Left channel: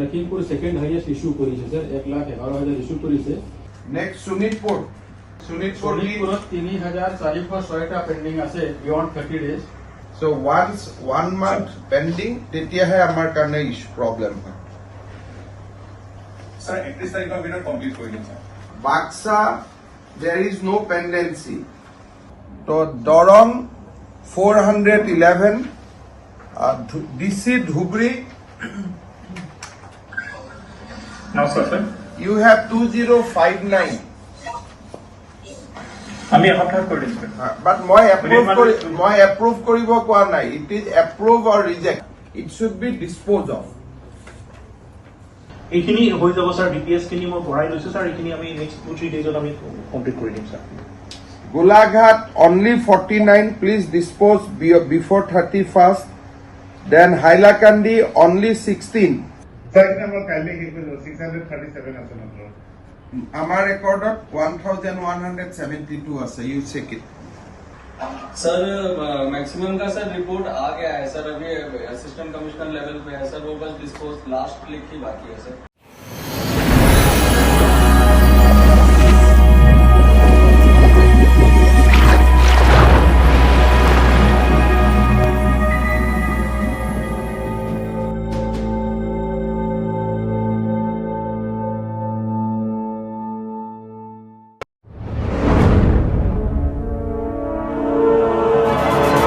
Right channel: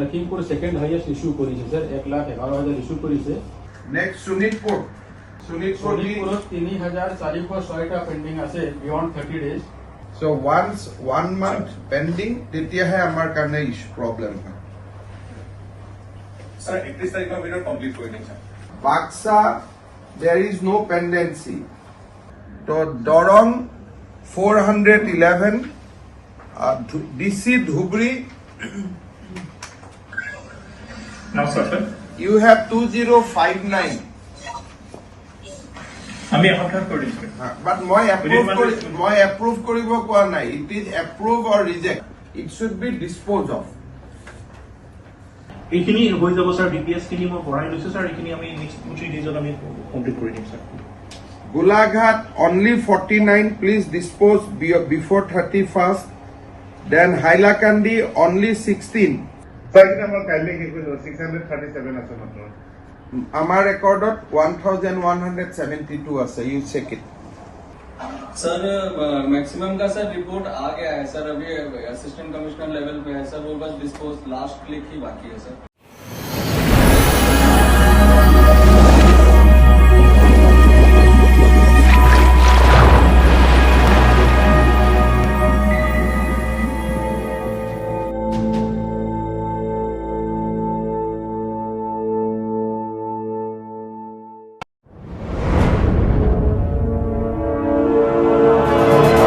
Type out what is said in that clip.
Lakhimpur second highest issue কৰিছে sir 1,11,000 issue কৰিছে। Next Sonitpur 3,406টা pending আছে beyond 30 days। So once 1 month pending, তেতিয়াহে আমাৰ কাৰণে problem হয়। Sir, 31 তাৰিখৰ ভিতৰত কমপ্লিট কৰি দিম sir। Baksa, there is no pendency. So Dorong 411, DC Dhubri, No sir, sir। you have 2059. আমি এসপ্তাহত কৰি দিম sir। But মই approve কৰিব কোৱা নাই. It is approve or reject. It should be disposed of. এইখিনি হৈ যাব স্যার। বিপিএস খিনি মই বঢ়াই লৈছো স্যার। এইখিনি আমি নেক্সট 2-3 ডেজত আমি কমপ্লিট কৰি দিম sir. Golaghat only 49. Please dispose before 31st. Then Hailakandi only 16. Sir, এটা আমাৰ কাইলৈ শেষ হৈ যাব। 637 আছে মাত্ৰ। আমাৰ ৰেকৰ্ডত 1,172 আছে। You check it. Sir maximum का सर रिपोर्ट आ गया है सर। अभी असिस्टेंट कमिश्नर लेवल पे है सर। वो बस डिस्पोज लास्ट क्लिक ही बाकी है सर।